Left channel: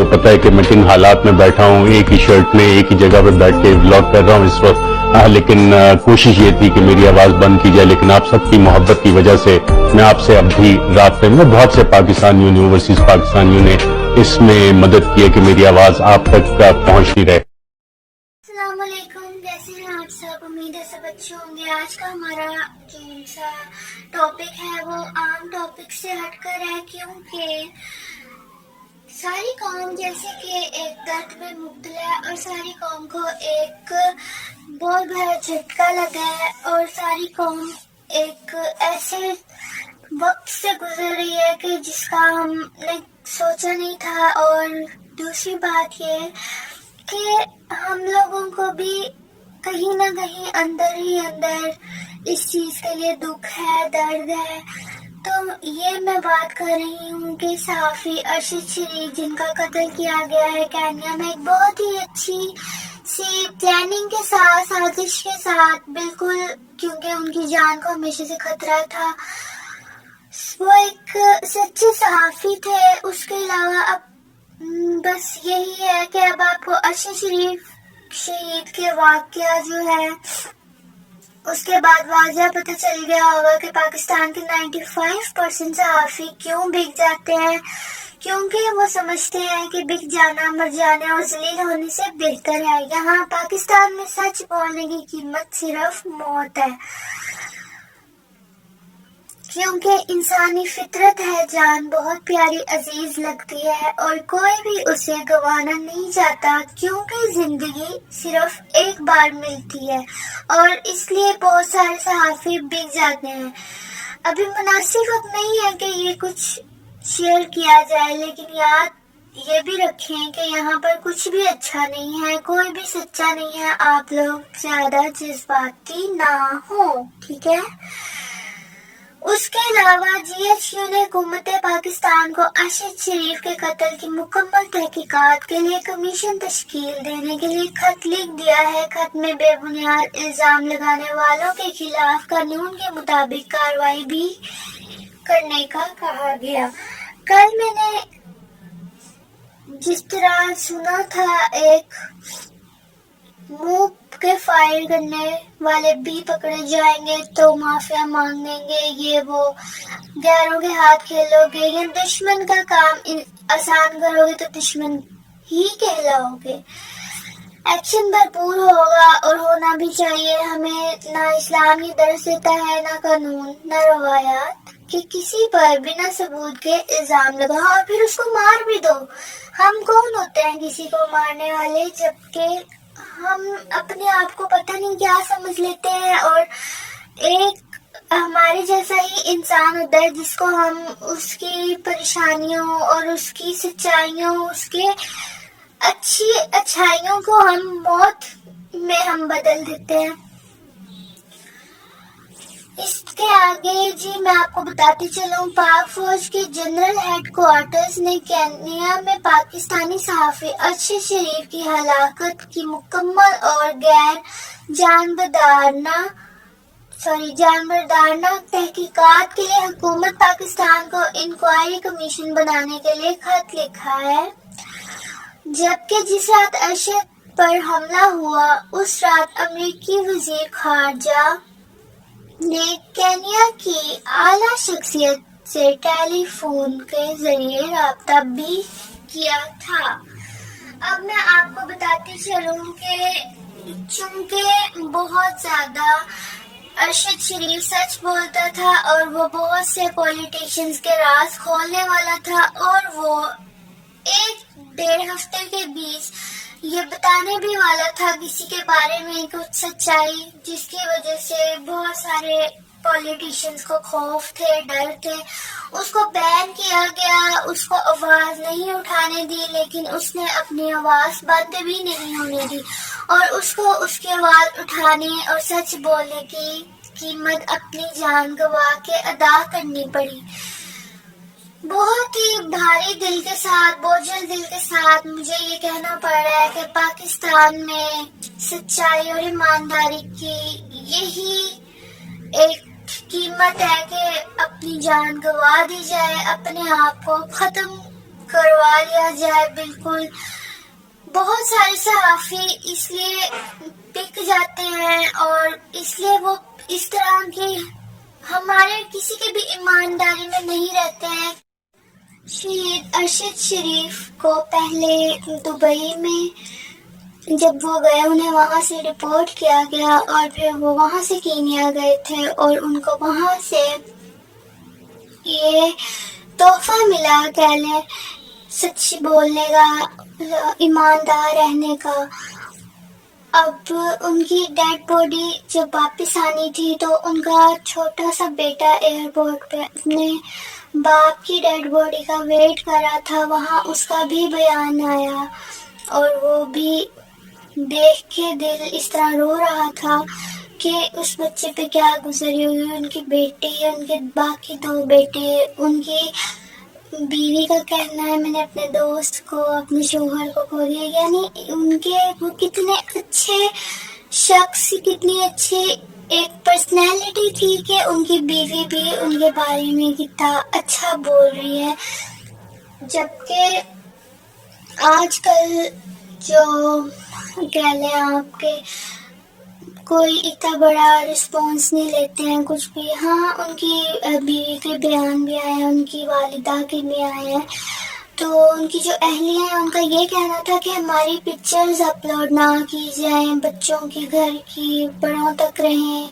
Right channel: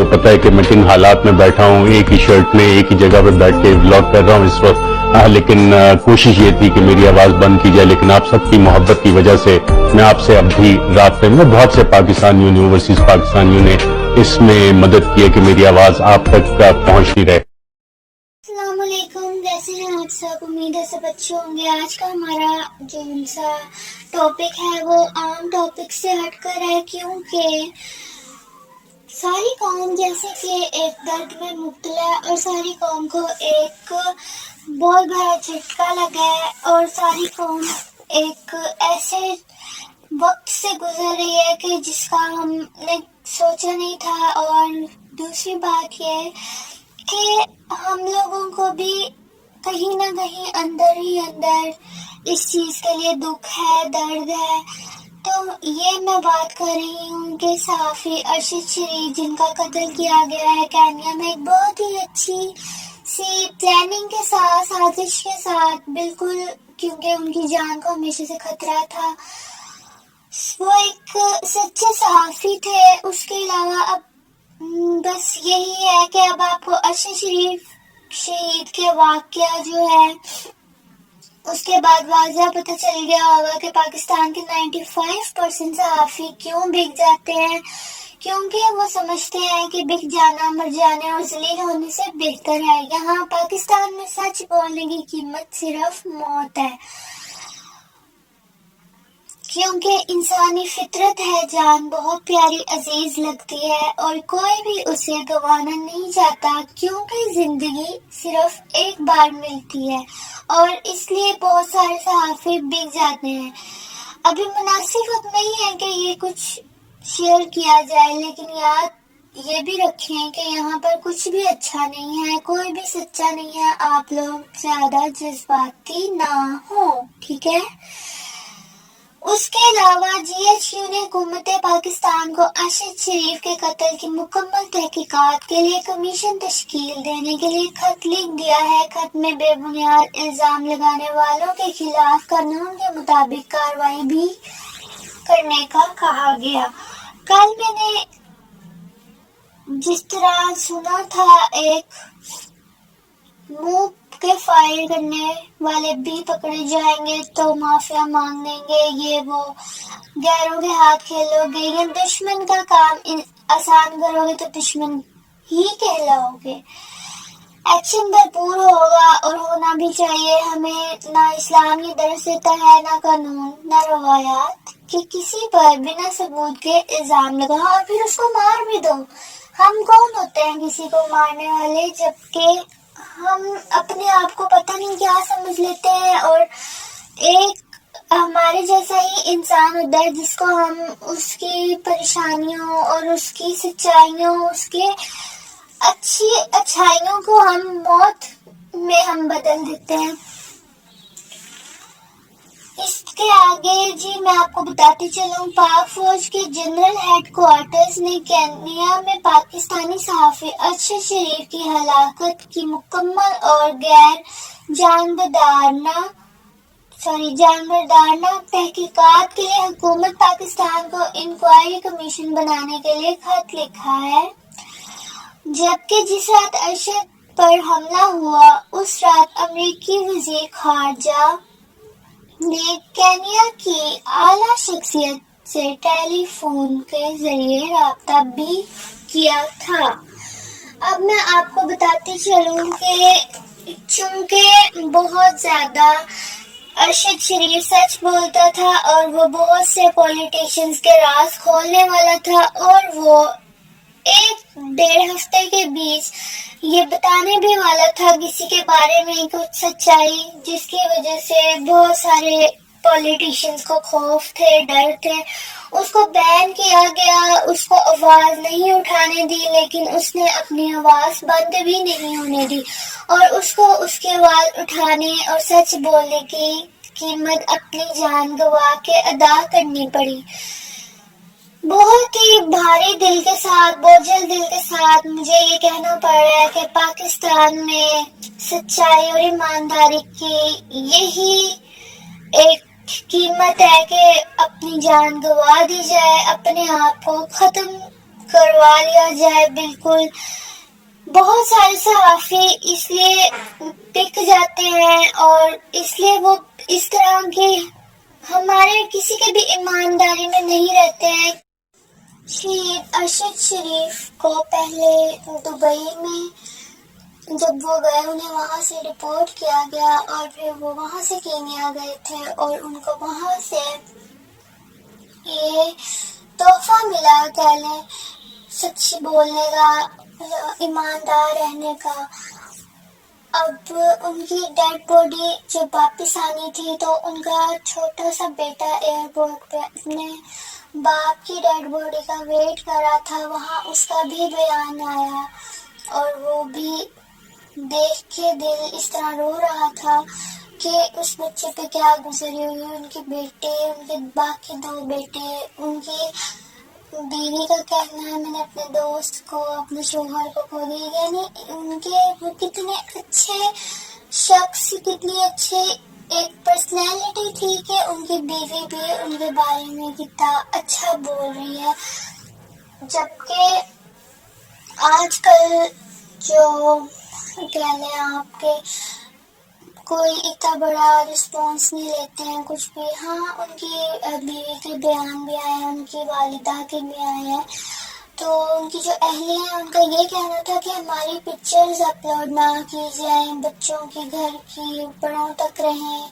تو پتہ ہے کہ میں کن حالات میں بیٹھا ہوں، ایک ہی شرٹ میں ایک ہی جگہ پہ بیٹھ کے ولاگ کر رہا ہوں اس وقت، لیکن کوشش یہ تھی کہ میری آواز بند کی جائے، لیکن آپ سب کی محبت کی وجہ سے میں آپ سے اب بھی رابطے میں، بہت سے پاکستانیوں نے، اوورسیز پاکستانیوں نے اس میں مدد کی ہے کہ میری آواز آپ تک پہنچتی رہے۔ السلام علیکم، کیسے ہیں آپ سب؟ امید ہے سب اچھے ہوں گے۔ آج کا ہمارا جو سا ٹاپک ہے وہ عام ٹاپک سے ہٹ کر ہے، کیونکہ ساری قوم جیسے کہ ایک درد میں مبتلا ہے اور ساری قوم کو ایک بہت بڑا جھٹکا لگا ہے، اور ساری قوم ایک ایسے وقت سے گزر رہی ہے کہ جس کا ہم نے سوچا نہیں تھا۔ اور دوسری بات یہ ہے کہ ہم لوگوں کو بھی کہیں نہ کہیں اندر ہی اندر اس چیز کے لیے دکھ ہے، درد ہے۔ تو یہ میں بات کر رہی ہوں کہ صحافی ارشد شریف، جن کا قتل کیا گیا ہے کینیا میں، ایک بہت ہی اچھی سی پلاننگ کے ساتھ، سازش کے ساتھ، بالکل، کیونکہ ان کی جان کو ہمیشہ سے خطرہ تھا۔ وہ ایک سچے صحافی تھے۔ اس کے علاوہ اب بس یہی ہے کہ اب آپ کو ارشد شریف شہید کے واقعہ جو ہے اس کے بعد واضح پتہ چل گیا ہوگا کہ پاکستان کے 95% صحافی کیوں بک جاتے ہیں، کیونکہ وہ سمجھتے ہیں کہ بک جانا مر جانے اور ذلیل ہونے سے بہتر ہے۔ یہاں پاکستان میں سچ بولنے کی قیمت صرف موت ہے، کیونکہ انسانی فطرت ہے، جان بہت پیاری عزیز لگتی ہے اور کوئی بھی اسے گنوانا نہیں چاہتا، کیونکہ زندگی صرف ایک بار ملتی ہے، اور اس لیے بہت سارے صحافی بک جاتے ہیں۔ ابھی مناسب وقت نہیں ہے کہ یہ کچھ شیئر کیا جائے، لیکن یاد یہ بھی رکھیں کہ یہاں پر کچھ بھی اچھا نہیں ہے، کوئی بھی سچا نہیں ہے۔ آپ لوگ زیادہ جذباتی نہ ہوں، ٹھیک ہے؟ اس کے علاوہ جی ایچ کیو نے حکومت پاکستان کو ارشد شریف کے قتل کی مکمل تحقیقات کے لیے کمیشن تشکیل دینے کے لیے خط لکھ دیا ہے۔ خط میں بے بنیاد الزام لگانے والوں کے خلاف قانون کے مطابق کارروائی بھی کرنے کا کہا گیا۔ کل میں نے جس طرح سنا تھا، ایک منہ کے فائر کرنے والے بھی پکڑے جائیں گے تو معافیا مانگ لیں گے، یہ وہ، غیروں کے ہاتھ کھیلو گے یا دشمن کا کام آسان کرو گے تو دشمن ہی کہلاؤ گے۔ ایکشن بھرپور ہوگا اور ہونا بھی چاہیے۔ ہمیں نہ اسلام یہ درس دیتا ہے، نہ قانون، نہ روایات، کہ کسی پر بنا ثبوت کے الزام لگاؤ اور پھر اس کو مار بھی دو۔ ہم کون ہوتے ہیں کسی کو مارنے والے، جبکہ ہم اپنے آپ کو پتہ نہیں کیا سمجھ لیتے ہیں، اور ایک ہمارے جیسا ہی انسان ہوتا ہے جس کو ہم اس کی پریشانیوں اور اس کی سچائیوں، اس کے اچھائیوں کو ہم موت میں ہم بدل دیتے ہیں۔ اس کے آگے جی میں آپ کو بتاتی چلوں، پاک فوج کے جنرل ہیڈ کوارٹرز نے کینیا میں پاکستانی صحافی ارشد شریف کی ہلاکت کی مکمل اور غیر جانبدارانہ تحقیقات کے لیے حکومت پاکستان کو انکوائری کمیشن بنانے کے لیے خط لکھا ہے، جبکہ جس رات ارشد پر حملہ ہوا اس رات امریکی وزیر خارجہ نے کینیا کی اعلیٰ شخصیت سے ٹیلی فون کے ذریعے رابطہ بھی کیا تھا۔ اب میں آپ کو بتاتی چلوں کہ چونکہ بہت زیادہ ارشد شریف سچ بولتا تھا اور وہ بہت سے پولیٹیشنز کے راز کھولنے والا تھا، اور وہ ایک ڈیڑھ ہفتے کے بیچ یہ بتانے بھی والا تھا کسی کے بارے میں کچھ سچائی، جس کی وجہ سے بہت سارے پولیٹیشنز کو خوف تھے، ڈر تھے۔ اس کو بین کیا گیا، اس کو آواز نہیں اٹھانے دی، لیکن اس نے اپنی آواز بند بھی نہیں ہونے دی، اور اس کو اس کی آواز اٹھانے اور سچ بولنے کی قیمت اپنی جان گنوا کے ادا کرنی پڑی۔ بہت ہی بھاری دل کے ساتھ، بوجھل دل کے ساتھ مجھے یہ کہنا پڑ رہا ہے کہ پاکستان میں سچائی اور ایمانداری کی یہی ایک قیمت ہے کہ اپنی جان گنوا دی جائے، اپنے آپ کو ختم کروا لیا جائے. بالکل بہت سارے صحافی اس لیے بک جاتے ہیں اور اس لیے وہ اس طرح کے ہمارے کسی کے بھی ایمانداری میں نہیں رہتے ہیں. شہید ارشد شریف کو پہلے دبئی میں جب وہ گئے انہیں وہاں سے رپورٹ کیا گیا اور پھر وہ وہاں سے کینیا گئے تھے اور ان کو وہاں سے یہ تحفہ ملا کہہ لیں سچ بولنے کا, ایماندار رہنے کا. اب ان کی ڈیڈ باڈی جب واپس آنی تھی تو ان کا چھوٹا سا بیٹا ایئرپورٹ پہ اپنے باپ کی ڈیڈ باڈی کا ویٹ کر رہا تھا. وہاں اس کا بھی بیان آیا اور وہ بھی دیکھ کے دل اس طرح رو رہا تھا کہ اس بچے پہ کیا گزری ہوئی. ان کی بیٹی, ان کے باقی 2 بیٹے, ان کی بیوی کا کہنا ہے میں نے اپنے دوست کو, اپنے شوہر کو کھو دیا. یعنی ان کے وہ کتنے اچھے شخص, کتنی اچھی ایک پرسنالٹی تھی کہ ان کی بیوی بھی ان کے بارے میں کتنا اچھا بول رہی ہے. جبکہ آج کل جو کہہ لیں آپ کے کوئی اتنا بڑا رسپانس نہیں لیتے ہیں کچھ بھی. ہاں ان کی بیوی کے بیان بھی آئے ہیں, ان کی والدہ کے بھی آئے ہیں. تو ان کی جو اہلیہ ہیں ان کا یہ کہنا تھا کہ ہماری پکچرز اپلوڈ نہ کی جائیں, بچوں کے گھر کی بڑوں تک رہیں.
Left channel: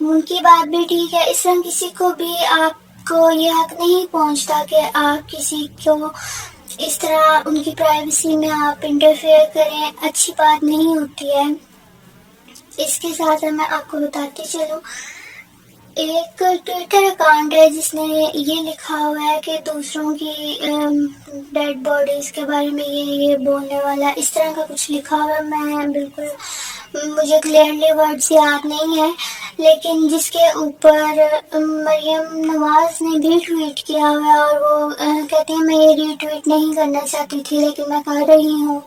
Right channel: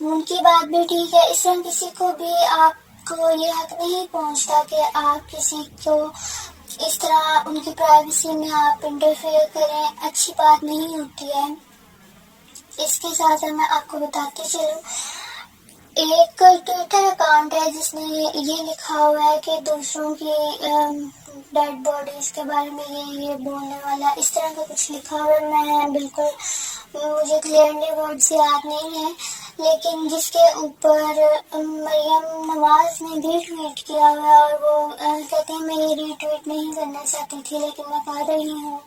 ان کی بات بھی ٹھیک ہے, اس طرح کسی کو بھی آپ کو یہ حق نہیں پہنچتا کہ آپ کسی کو اس طرح ان کی پرائیویسی میں آپ انٹرفیئر کریں. اچھی بات نہیں ہوتی ہے. اس کے ساتھ میں آپ کو بتاتی چلوں, ایک ٹویٹر اکاؤنٹ ہے جس نے یہ لکھا ہوا ہے کہ دوسروں کی ڈیڈ باڈیز کے بارے میں یہ بولنے والا, اس طرح کا کچھ لکھا ہوا ہے. میں بالکل مجھے کلیئرلی ورڈز یاد نہیں ہے, لیکن جس کے اوپر مریم نواز نے بھی ٹویٹ کیا ہوا ہے اور وہ کہتے ہیں میں یہ ری ٹویٹ نہیں کرنا چاہتی تھی لیکن میں کر رہی ہوں.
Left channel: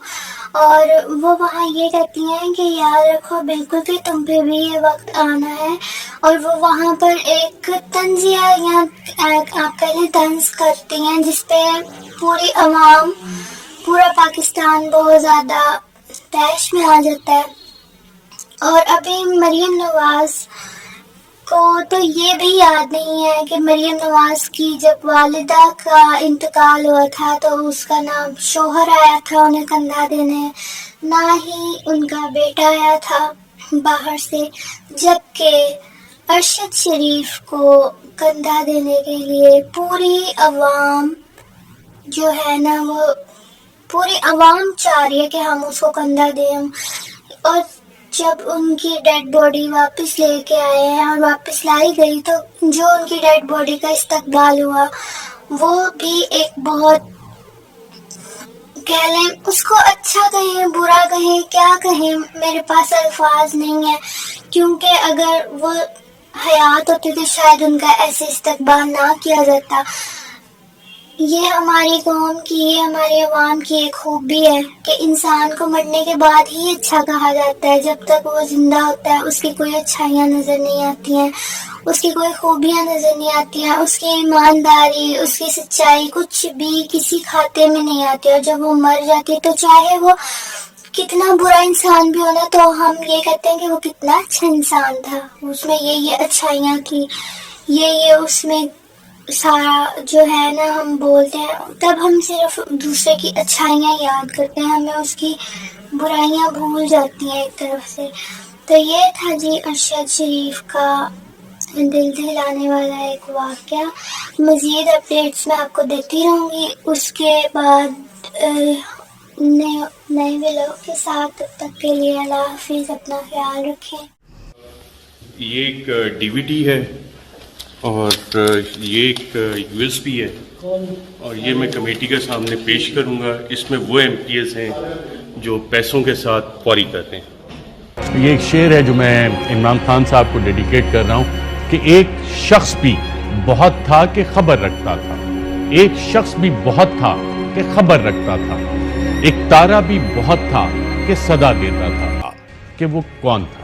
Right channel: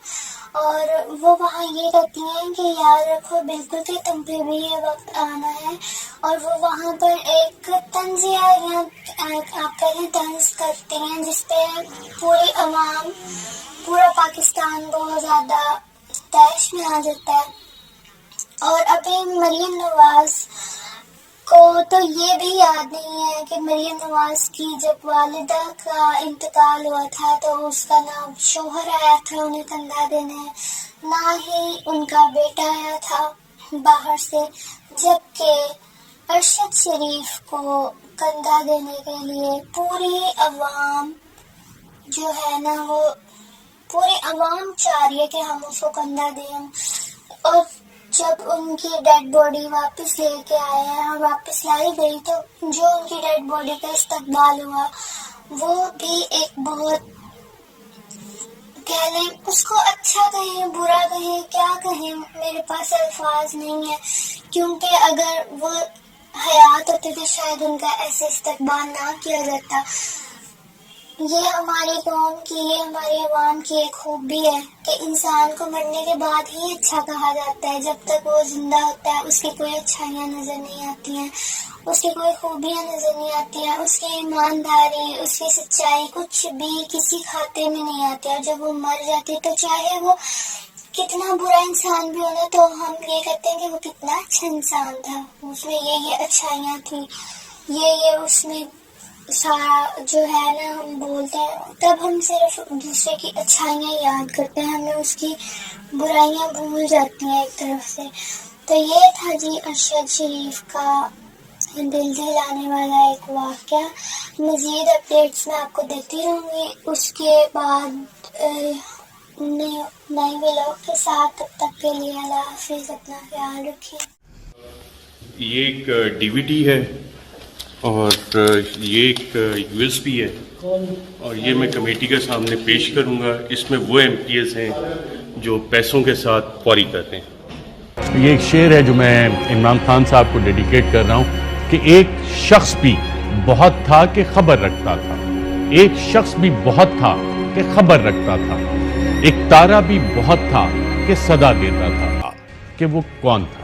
اور وہ وہاں یہ کہتی ہیں کہ یاد رکھو بالکل کہ تم پہ بھی یہ وقت آنا ہے. اور وہ وہاں پر ایک طنزیہ یا آپ کہہ طنز کرتی ہیں جس پہ پوری عوام, پورا پاکستان بہت زیادہ تیش میں آ جاتا ہے. اور ابھی مریم نواز کو تو یہ بھی یاد نہیں ہے کہ مریم نواز کی جب والدہ کا انتقال ہوا تھا تو اس کا نام شوہر آیا تھا انہیں کندھا دینے, نہ ہی ان کا بیٹا آیا تھا باہر سے. جبکہ ارشد شریف کو کندھا دینے کے لیے پوری عوام جو ہے نا وہ پوری عوام چاہ رہی ہے کہ ہم اس کو کندھا دیں. اور جب ان کی ڈیڈ باڈی واپس لے کے آئے ہیں اور واپس لائی گئی تو جو ان کی ڈیڈ باڈی کا استقبال ہوا وہ بھی ایک بہت کہہ لیں, اس کو اچھا کہیں برا کہیں کیا کہیں, میرے پاس الفاظ نہیں ہے. کیونکہ اگر وہ حیات ہوتے تو شاید ان کا ایسے استقبال نہ کیا جاتا. یہ ہماری قوم کی, یہ ہماری عوام کی ایک خوبی ہے کہ انسان کو مرنے کے بعد ہی اچھا کہا جاتا ہے. جب تک وہ زندہ ہوتا ہے اس کی کوئی اچھائیاں نظر نہیں آتی ہیں, اس کی کوئی خوبیاں نظر نہیں آتی ہیں, اس کی ایمانداری, اس کی سچائی کچھ بھی کسی کھاتے میں نہیں آتی. اور جب وہ مر جاتی تو چاہے وہ کتنا برا انسان بھی ہونا تو ہم یہ کہتے ہیں کہ وہ کتنا اچھا انسان تھا, اس میں یہ اچھائیاں تھیں, یہ اس میں سارا جو ہے نا ہم بولتے ہیں. تب ہم صرف دوسرے کی اچھائیاں یاد کرتے ہیں, ہمیں اس کی برائیاں بھول جاتی ہیں ایک طرف سے. تو یہ تھا جی ارشد شریف کا دل دہلانے والا ایک واقعہ. مزید اپڈیٹس میں آپ کو دیتی رہوں گی اس کے بعد نئے ولاگ کے ساتھ. تب تک کے لیے اللہ حافظ, اپنا خیال رکھیں. یہ ایک ڈی وی ڈی ہے اور یہ ایک یو ایس بی ہے اور یہ میں کمیٹی کے سامنے پیش کروں گا. اس میں وہ ایم پی ایز ہیں جو پیسوں کے ساتھ فوری کرتے ہیں. یہ ایک شعر ہے جو میں عمران خان صاحب کو ڈیڈیکیٹ کر رہا ہوں کہ ایک شخص بھی بہت تھا کہ خبر رکھتا تھا, ایک شخص بھی بہت تھا کہ خبر رکھتا تھا, ایک تارا بھی بہت تھا کہ صدا دیتا تھا. کہ وہ کون تھا؟